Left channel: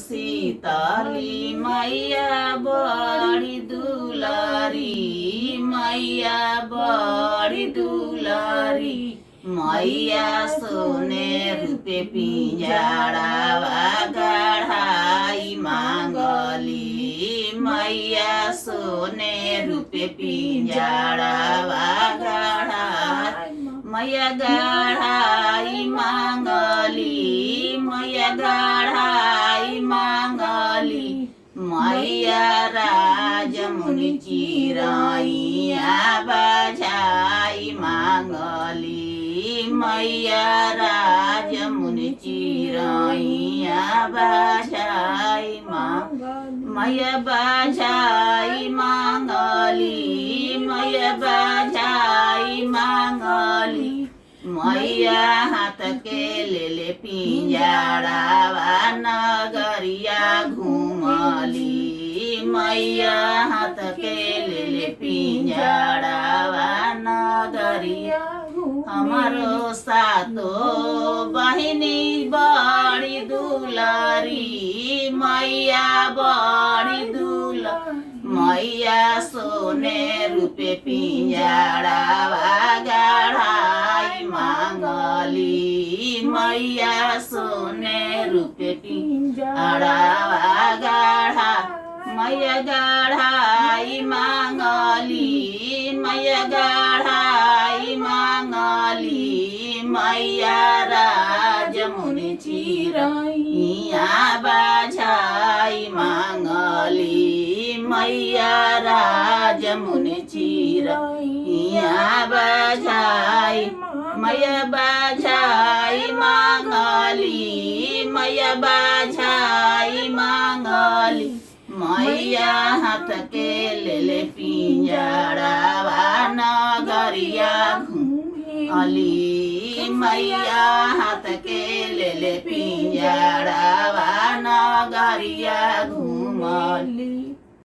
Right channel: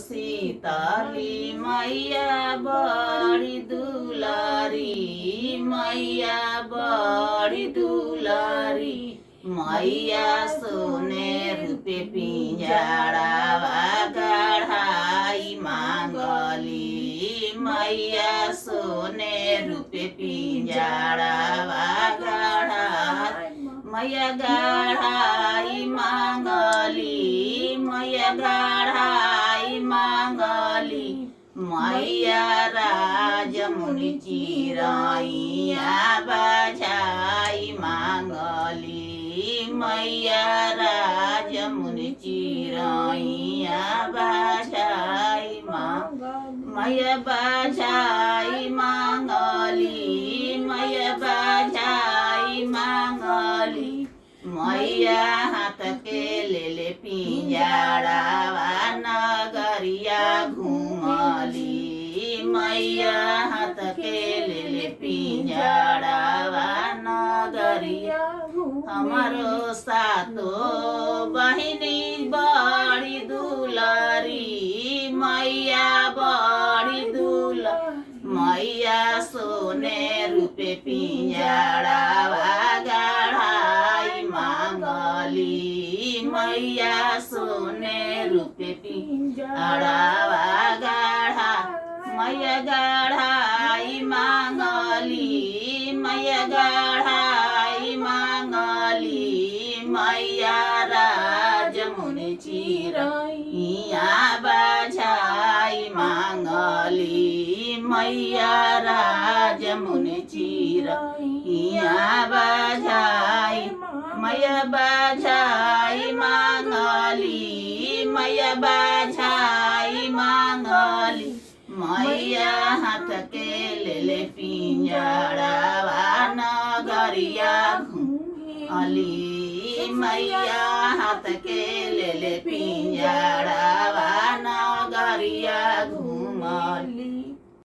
शीतली मैया बड़ी दुलारी, मैया बड़ी दुलारी। मैया सोने रूपे पिंजड़ावा गढ़ाई मांगली, मैया सोने रूपे पिंजड़ावा गढ़ाई, मैया गढ़ाई मांगली, मैया गढ़ाई मांगली। मैया राजमुनि चिरैया बजाई मांगली, मैया राजमुनि चिरैया बजाई मांगली, मैया बजाई मांगली, मैया बजाई मांगली। मैया हाथ के ले पिंजड़ावा नगरिया घूमली, मैया हाथ के ले पिंजड़ावा नगरिया। हमारो सातो बहिनी बड़ी दुलारी, मैया बड़ी दुलारी। मैया सोने रूपे पिंजड़ावा गढ़ाई मांगली, मैया सोने रूपे पिंजड़ावा गढ़ा, मैया गढ़ाई मांगली, मैया गढ़ाई मांगली। मैया राजमुनि चिरैया बजाई मांगली, मैया राजमुनि चिरैया बजाई, मैया बजाई मांगली, मैया बजाई मांगली। मैया हाथ के ले पिंजड़ावा नगरिया घूमली, मैया हाथ के ले पिंजड़ावा नगरिया